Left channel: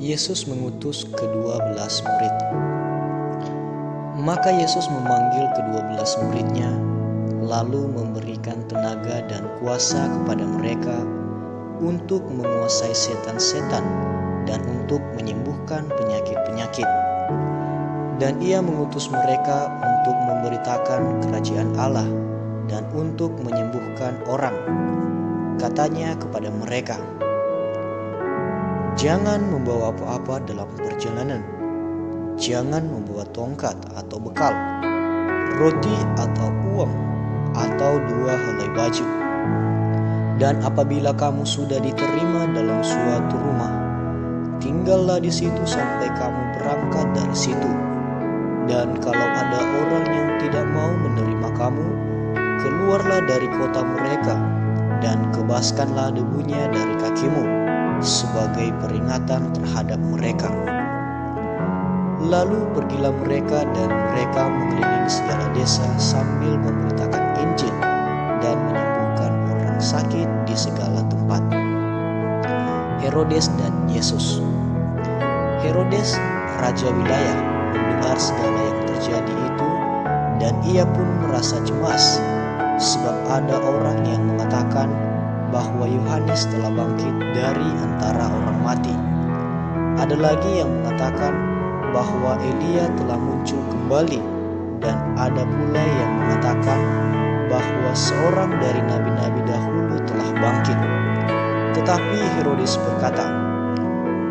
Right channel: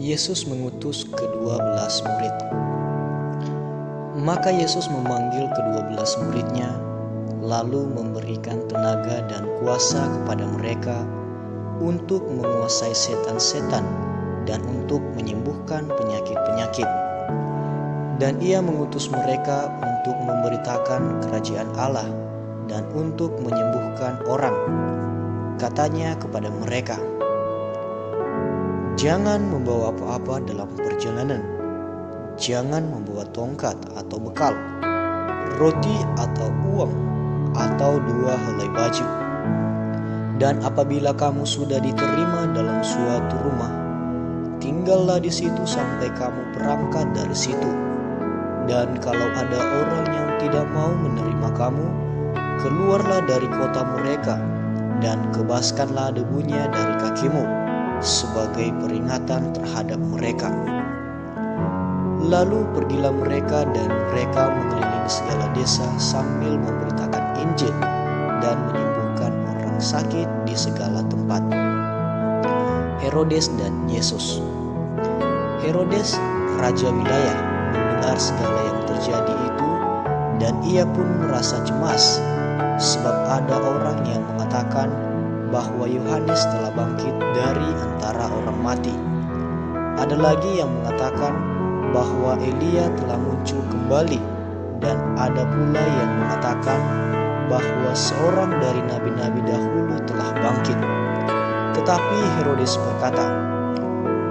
Yesus mengutus ke-12 murid. Maka Yesus memanggil ke-12 muridnya, lalu memberikan tenaga dan kuasa kepada mereka untuk menguasai setan-setan dan untuk menyembuhkan penyakit-penyakit. Dan ia mengutus mereka untuk memberitakan kerajaan Allah dan untuk menyembuhkan orang. Katanya kepada mereka, "Jangan membawa apa-apa dalam perjalanan. Jangan membawa tongkat atau bekal, roti atau uang, atau 2 helai baju. Dan apabila kamu sudah diterima dalam suatu rumah, tinggallah di situ sampai kamu berangkat dari situ. Dan kalau ada orang yang tidak mau menerima kamu, keluarlah dari kota mereka dan kebaskanlah debunya dari kakimu sebagai peringatan terhadap mereka." Lalu pergilah mereka dan mereka mengelilingi segala desa sambil memberitakan Injil dan menyembuhkan orang sakit di segala tempat. Herodes dan Yesus. Herodes, raja wilayah, mendengar segala yang terjadi itu dan ia pun merasa cemas, sebab ada orang yang mengatakan bahwa Yohanes telah bangkit dari antara orang mati. Ada lagi yang mengatakan bahwa Elia telah muncul kembali, dan ada pula yang mengatakan bahwa seorang dari nabi-nabi dahulu telah bangkit. Tetapi Herodes berkata,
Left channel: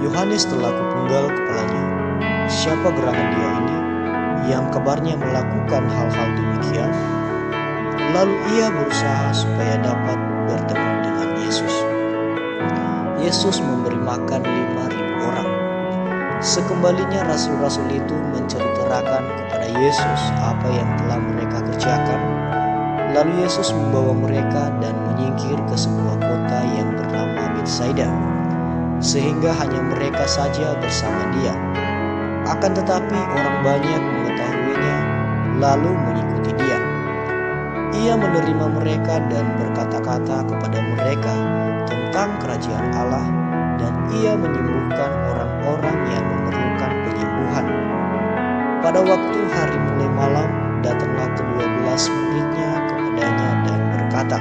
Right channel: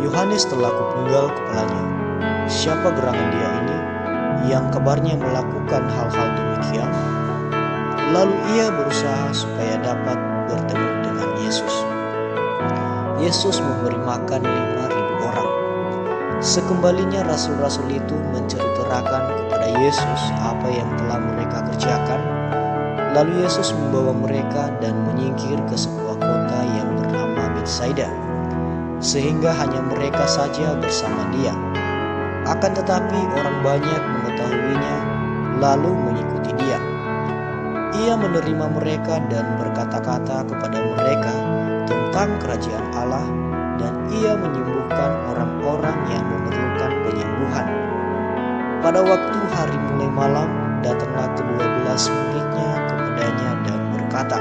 "Yohanes telah kupenggal kepalanya. Siapa gerangan dia ini yang kabarnya melakukan hal-hal demikian?" Lalu ia berusaha supaya dapat bertemu dengan Yesus. Yesus memberi makan 5.000 orang. Sekembalinya rasul-rasul itu menceritakan kepada Yesus apa yang telah mereka kerjakan. Lalu Yesus membawa mereka dan menyingkir ke sebuah kota yang bernama Betsaida, sehingga hanya mereka saja bersama dia. Akan tetapi orang banyak mengetahuinya lalu mengikuti dia. Ia menerima mereka dan berkata-kata kepada mereka tentang kerajaan Allah, dan ia menyembuhkan orang-orang yang memerlukan penyembuhan. Pada waktu hari mulai malam, datanglah ke-12 muridnya kepadanya dan berkata,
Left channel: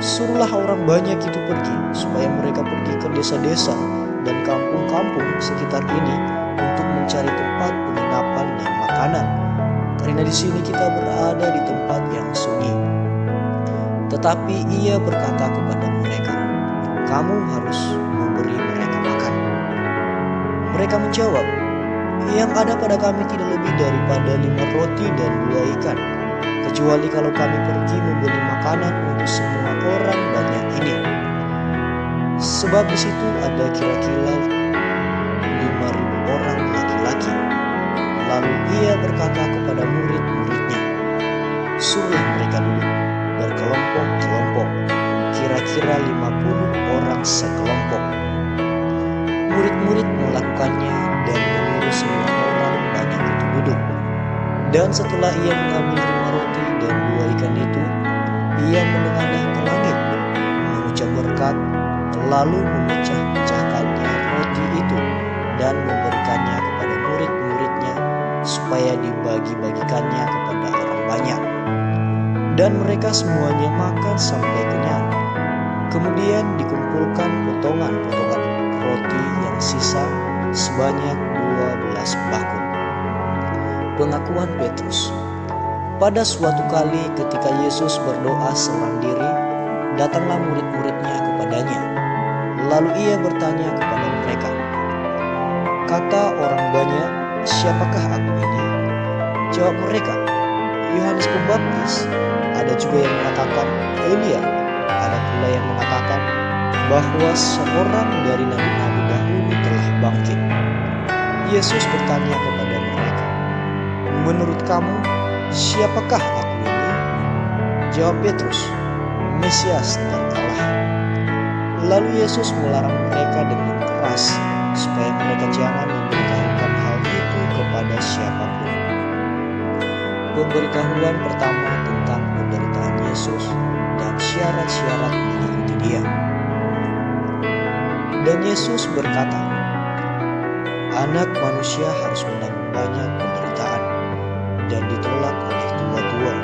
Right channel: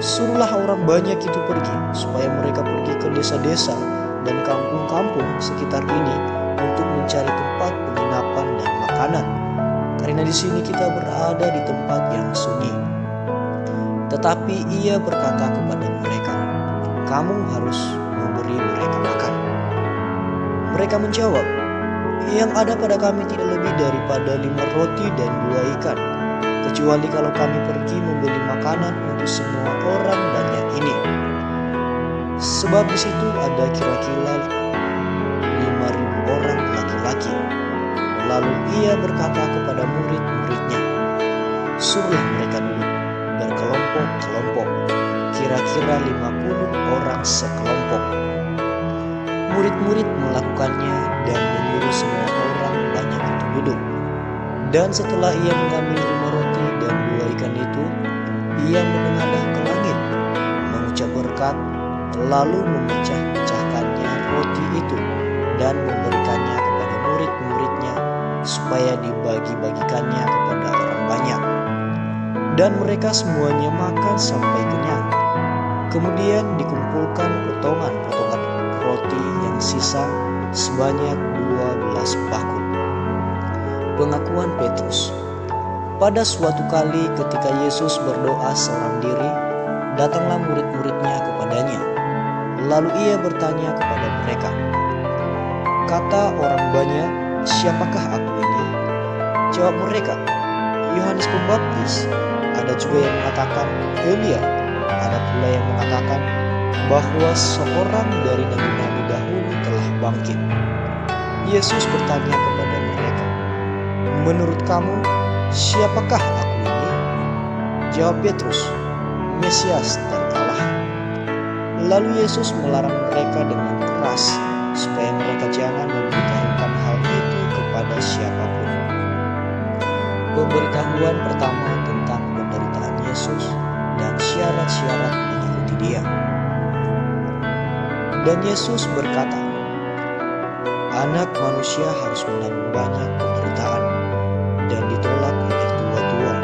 "Suruhlah orang banyak itu pergi, supaya mereka pergi ke desa-desa dan kampung-kampung sekitar ini untuk mencari tempat penginapan dan makanan, karena di sini kita berada di tempat yang sunyi." Tetapi ia berkata kepada mereka, "Kamu harus memberi mereka makan." Mereka menjawab, "Yang ada pada kami tidak lebih daripada 5 roti dan 2 ikan, kecuali kalau kami pergi membeli makanan untuk semua orang banyak ini." Sebab di situ ada kira-kira 5.000 orang laki-laki. Lalu ia berkata kepada murid-muridnya, "Suruhlah mereka duduk berkelompok-kelompok, kira-kira 50 orang sekelompok." Murid-murid melakukannya dan menyuruh semua orang banyak itu duduk. Dan setelah ia mengambil 5 roti dan 2 ikan itu, ia menengadah ke langit, mengucap berkat, lalu memecah-pecahkannya roti itu dan memberikannya kepada murid-muridnya supaya dibagi-bagikannya kepada orang banyak. Dan mereka semuanya makan sampai kenyang. Kemudian dikumpulkan potongan-potongan roti yang sisa sebanyak 12 bakul. Pengakuan Petrus. Pada suatu kali ketika Yesus berdoa seorang diri, datanglah murid-muridnya kepadanya. Lalu ia bertanya kepada mereka, "Kata orang banyak, siapakah aku ini?" Jawab mereka, "Yohanes Pembaptis. Ada juga yang mengatakan Elia. Ada pula yang mengatakan bahwa seorang dari nabi-nabi dahulu telah bangkit." Yesus bertanya kepada mereka, "Menurut kamu, siapakah aku ini?" Jawab Petrus, "Mesias dari Allah." Lalu Yesus melarang mereka dengan keras supaya mereka jangan memberitahukan hal itu kepada siapapun. Pemberitahuan pertama tentang penderitaan Yesus dan syarat-syarat mengikuti Dia. Dan Yesus berkata, Anak manusia harus menanggung banyak penderitaan dan ditolak oleh tua-tua,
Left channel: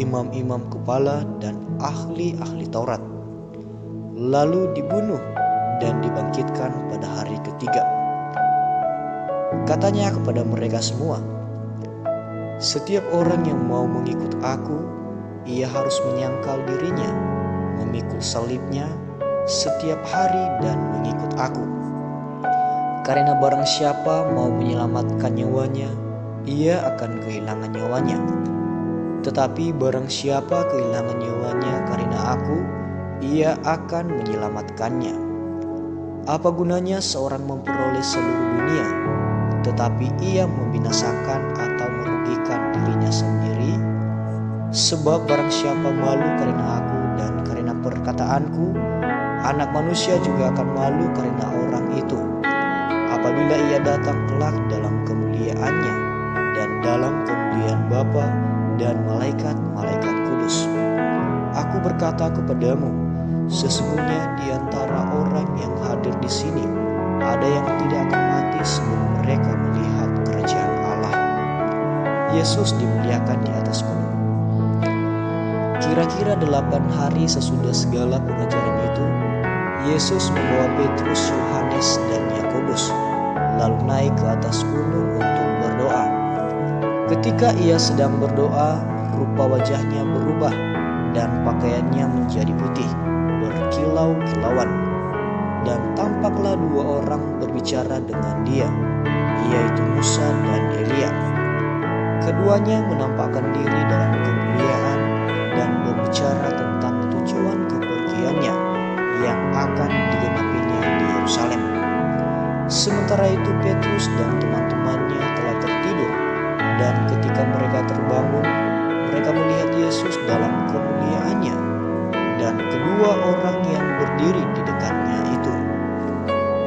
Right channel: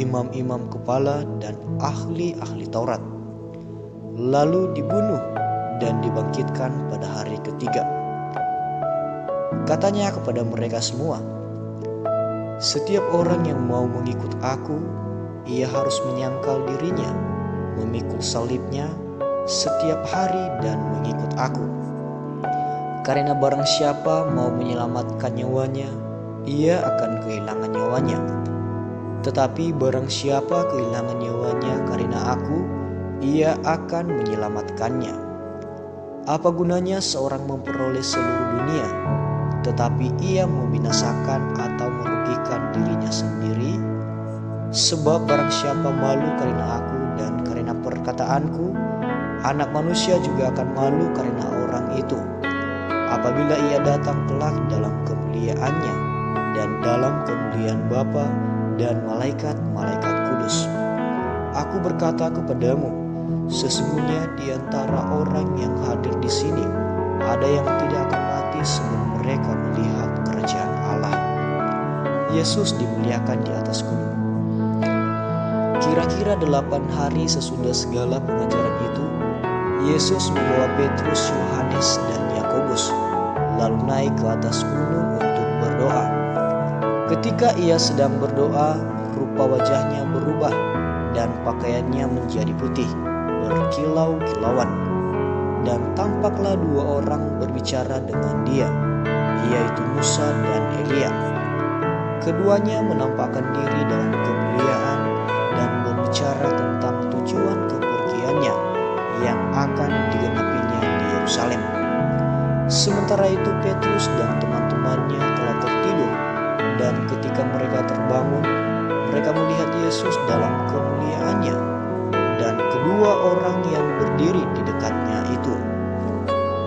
imam-imam kepala dan ahli-ahli Taurat, lalu dibunuh dan dibangkitkan pada hari ketiga. Katanya kepada mereka semua, "Setiap orang yang mau mengikut aku, ia harus menyangkal dirinya, memikul salibnya setiap hari dan mengikut aku. Karena barang siapa mau menyelamatkan nyawanya, ia akan kehilangan nyawanya. Tetapi barang siapa kehilangan nyawanya karena aku, ia akan menyelamatkannya. Apa gunanya seorang memperoleh seluruh dunia, tetapi ia membinasakan atau merugikan dirinya sendiri? Sebab barang siapa malu karena aku dan karena perkataanku, Anak Manusia juga akan malu karena orang itu, apabila ia datang kelak dalam kemuliaannya dan dalam kemuliaan Bapa dan malaikat-malaikat kudus. Aku berkata kepadamu, sesungguhnya di antara orang yang hadir di sini, ada yang tidak akan mati sebelum mereka melihat kerajaan Allah." Yesus dimuliakan di atas gunung. Kira-kira 8 hari sesudah segala pengajaran itu, Yesus membawa Petrus, Yohanes, dan Yakobus lalu naik ke atas gunung untuk berdoa. Ketika ia sedang berdoa, rupa wajahnya berubah dan pakaiannya menjadi putih, berkilau-kilauan. Dan tampaklah 2 orang berbicara dengan dia, yaitu Musa dan Elia. Keduanya menampakkan diri dalam kemuliaan dan berbicara tentang tujuan kepergiannya yang akan digenapinya di Yerusalem. Sementara itu Petrus dan teman-temannya telah tertidur, dan ketika mereka terbangun, mereka melihat Yesus dalam kemuliaannya dan kedua orang yang berdiri di dekatnya itu.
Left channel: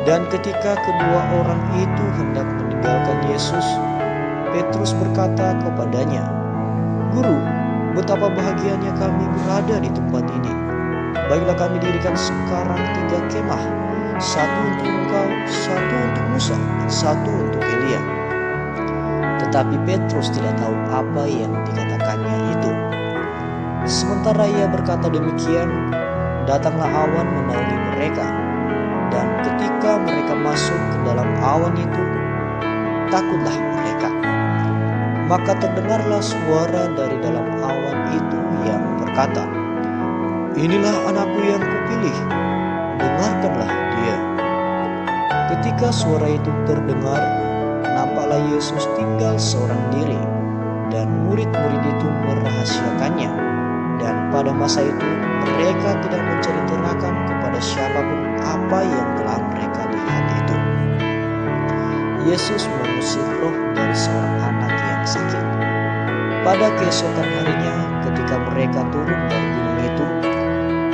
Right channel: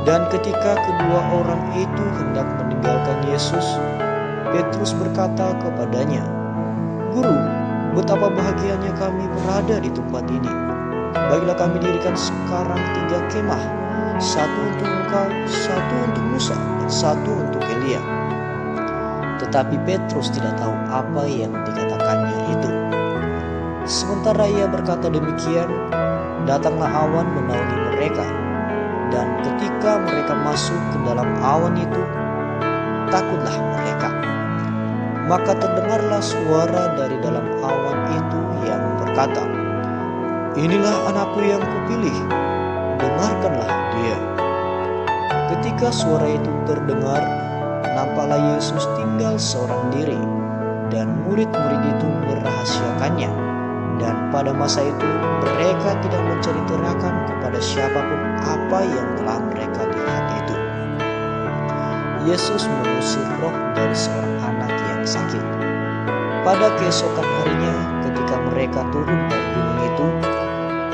Dan ketika kedua orang itu hendak meninggalkan Yesus, Petrus berkata kepadanya, "Guru, betapa bahagianya kami berada di tempat ini. Baiklah kami dirikan sekarang 3 kemah, 1 untuk engkau, 1 untuk Musa, dan 1 untuk Elia." Tetapi Petrus tidak tahu apa yang dikatakannya itu. Sementara ia berkata demikian, datanglah awan menaungi mereka, dan ketika mereka masuk ke dalam awan itu, takutlah mereka. Maka terdengarlah suara dari dalam awan itu yang berkata, "Inilah anakku yang kupilih, dengarkanlah dia." Ketika suara itu terdengar, nampaklah Yesus tinggal seorang diri, dan murid-murid itu merahasiakannya. Dan pada masa itu mereka tidak menceritakan kepada siapapun apa yang telah mereka lihat itu. Yesus mengusir roh dari seorang anak yang sakit. Pada keesokan harinya, ketika mereka turun dari gunung itu,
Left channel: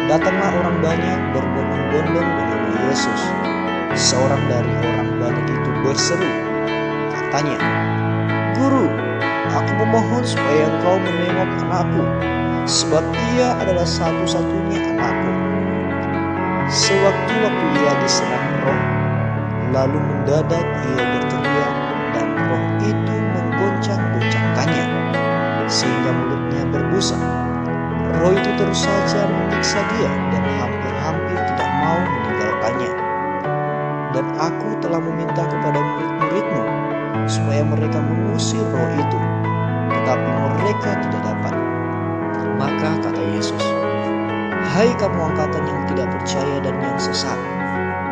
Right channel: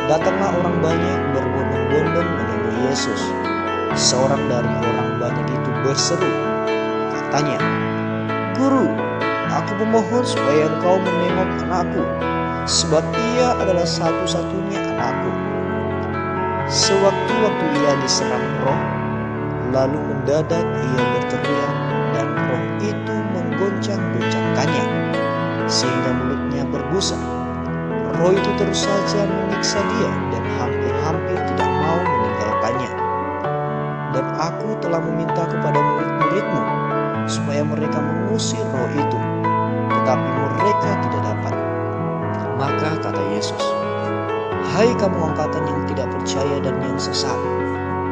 datanglah orang banyak berbondong-bondong menemui Yesus. Seorang dari orang banyak itu berseru, katanya, "Guru, aku memohon supaya engkau menengok anakku, sebab ia adalah satu-satunya anakku. Sewaktu-waktu ia diserang roh, lalu mendadak ia berteriak dan roh itu menggoncang-goncangkannya, sehingga mulutnya berbusa. Roh itu terus saja menyiksa dia dan hampir-hampir tidak mau meninggalkannya. Dan aku telah meminta kepada murid-muridmu supaya mereka mengusir roh itu, tetapi mereka tidak dapat." Maka kata Yesus, "Hai kamu angkatan yang tidak percaya dan yang sesat,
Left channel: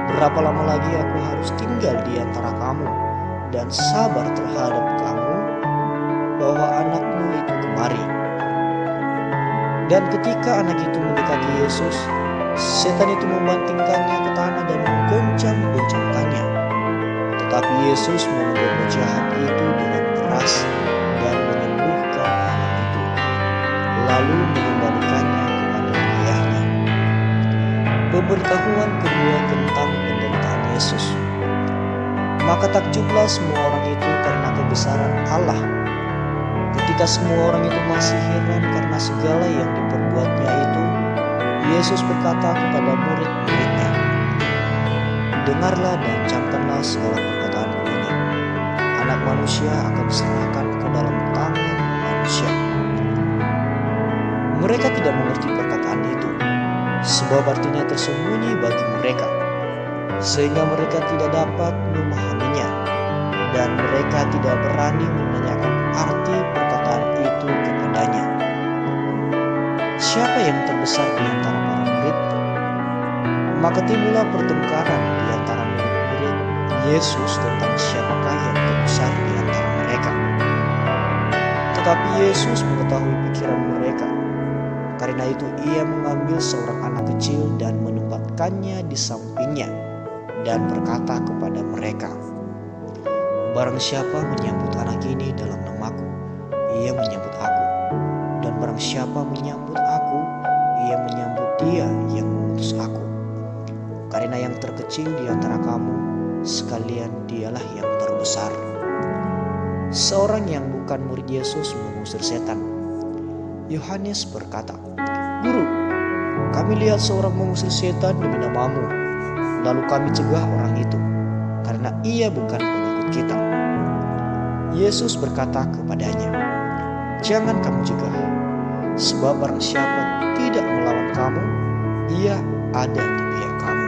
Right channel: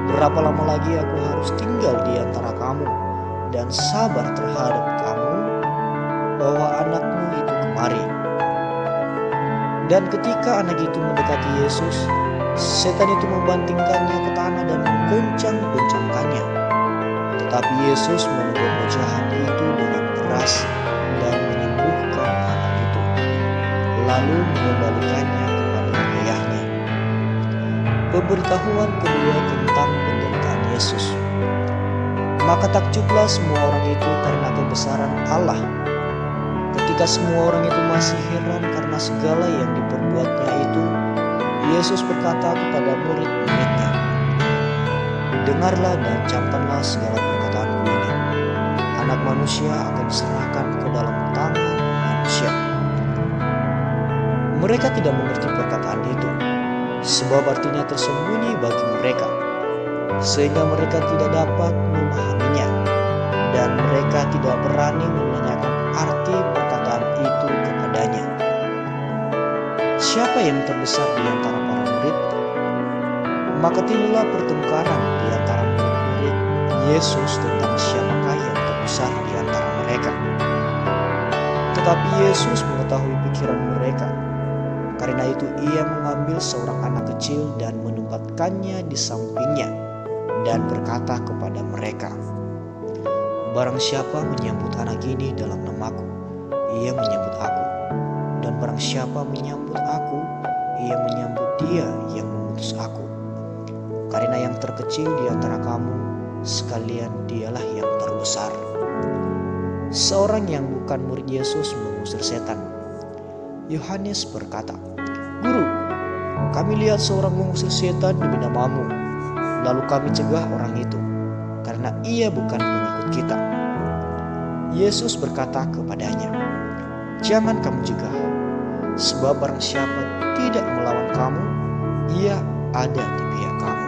berapa lama lagi aku harus tinggal di antara kamu dan sabar terhadap kamu, bawa anakmu itu kemari." Dan ketika anak itu mendekati Yesus, setan itu membantingkannya ke tanah dan menggoncang-goncangkannya. Tetapi Yesus menegur roh jahat itu dengan keras dan menyembuhkan anak itu, lalu mengembalikannya kepada ayahnya. Pemberitahuan kedua tentang penderitaan Yesus. Maka takjublah semua orang itu karena kebesaran Allah. Ketika semua orang itu masih heran karena segala yang diperbuatnya itu, Yesus berkata kepada murid-muridnya, dengarlah dan camkanlah segala perkataanku ini. Anak manusia akan diserahkan ke dalam tangan manusia." Mereka tidak mengerti perkataan itu, sebab artinya tersembunyi bagi mereka, sehingga mereka tidak dapat memahaminya, dan mereka tidak berani menanyakan arti perkataan itu kepadanya. Siapa yang terbesar di antara para murid? Maka timbullah pertengkaran di antara murid-murid Yesus tentang siapakah yang terbesar di antara mereka. Tetapi Yesus mengetahui pikiran mereka. Karena itu ia mengambil seorang anak kecil dan menempatkannya di sampingnya dan berkata kepada mereka, "Barang siapa menyambut anak ini dalam namaku, ia menyambut aku. Dan barang siapa menyambut aku, ia menyambut dia yang mengutus aku. Karena yang terkecil di antara kamu, sekalian dialah yang terbesar." Seorang yang bukan murid Yesus mengusir setan. Yohanes berkata, "Guru, kami lihat seorang mengusir setan demi namamu. Lalu kami cegah orang itu, karena ia bukan pengikut kita." Yesus berkata kepadanya, "Jangan kamu cegah, sebab barang siapa tidak melawan kamu, ia ada di pihak kamu."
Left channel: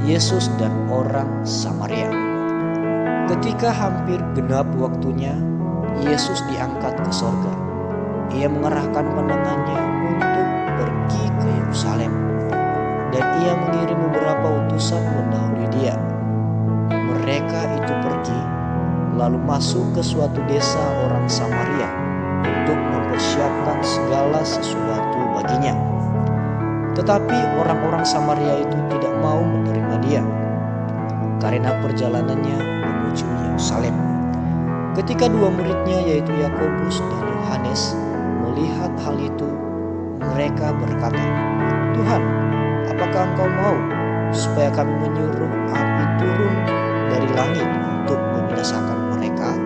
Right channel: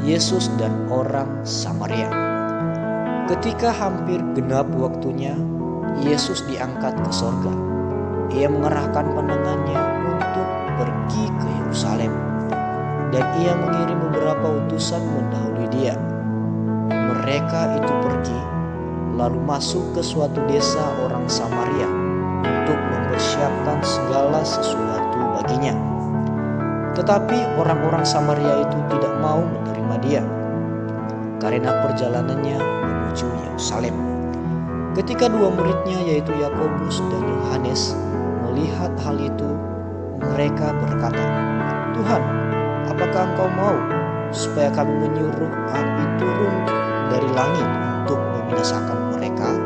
Yesus dan orang Samaria. Ketika hampir genap waktunya, Yesus diangkat ke sorga. Ia mengerahkan pandangannya untuk pergi ke Yerusalem, dan ia mengirim beberapa utusan mendahului dia. Mereka itu pergi, lalu masuk ke suatu desa orang Samaria untuk mempersiapkan segala sesuatu baginya. Tetapi orang-orang Samaria itu tidak mau menerima dia, karena perjalanannya menuju Yerusalem. Ketika dua muridnya yaitu Yakobus dan Yohanes melihat hal itu, mereka berkata, "Tuhan, apakah Engkau mau supaya kami menyuruh api turun dari langit untuk membinasakan mereka?"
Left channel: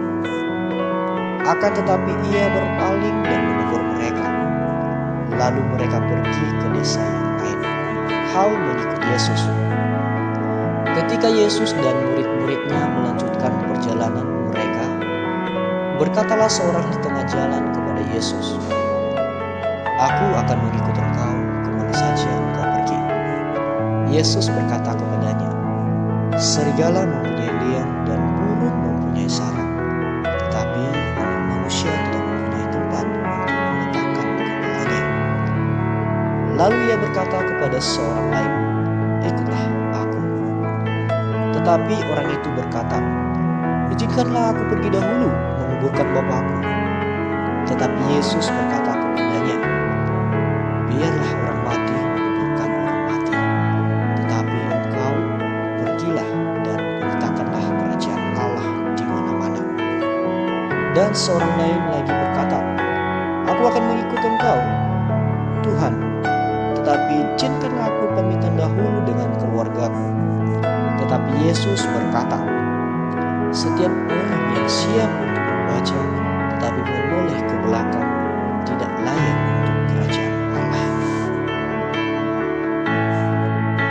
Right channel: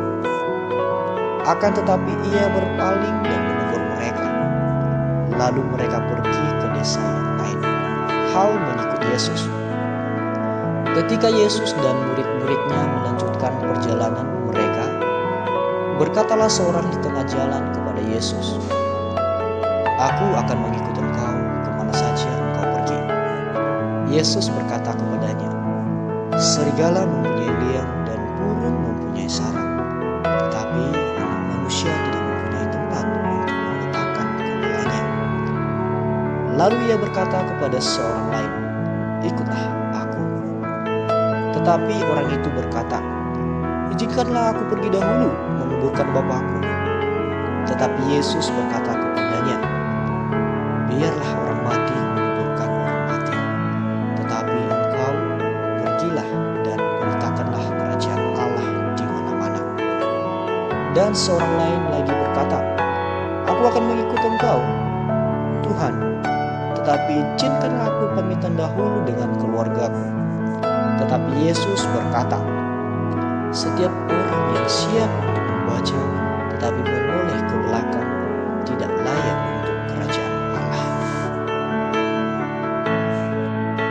Akan tetapi ia berpaling dan menegur mereka. Lalu mereka pergi ke desa yang lain, hal mengikut Yesus. Ketika Yesus dan murid-muridnya melanjutkan perjalanan mereka, berkatalah seorang di tengah jalan kepada Yesus, "Aku akan mengikut Engkau kemana saja Engkau pergi." Yesus berkata kepadanya, "Serigala mempunyai liang dan burung mempunyai sarang, tetapi Anak Manusia tidak mempunyai tempat untuk meletakkan kepalanya." Lalu ia berkata kepada seorang lain, "Ikutlah aku." Tetapi orang itu berkata, "Izinkanlah aku pergi dahulu menguburkan Bapakku." Tetapi Yesus berkata kepadanya, "Biarlah orang mati menguburkan orang mati, tetapi engkau pergilah dan beritakanlah kerajaan Allah di mana-mana." Dan seorang lain lagi berkata, "Aku akan mengikut engkau, Tuhan, tetapi izinkanlah aku pamitan dahulu dengan keluargaku." Tetapi Yesus berkata, "Setiap orang yang siap untuk membaca tetapi menoleh ke belakang tidak layak untuk kerajaan Allah."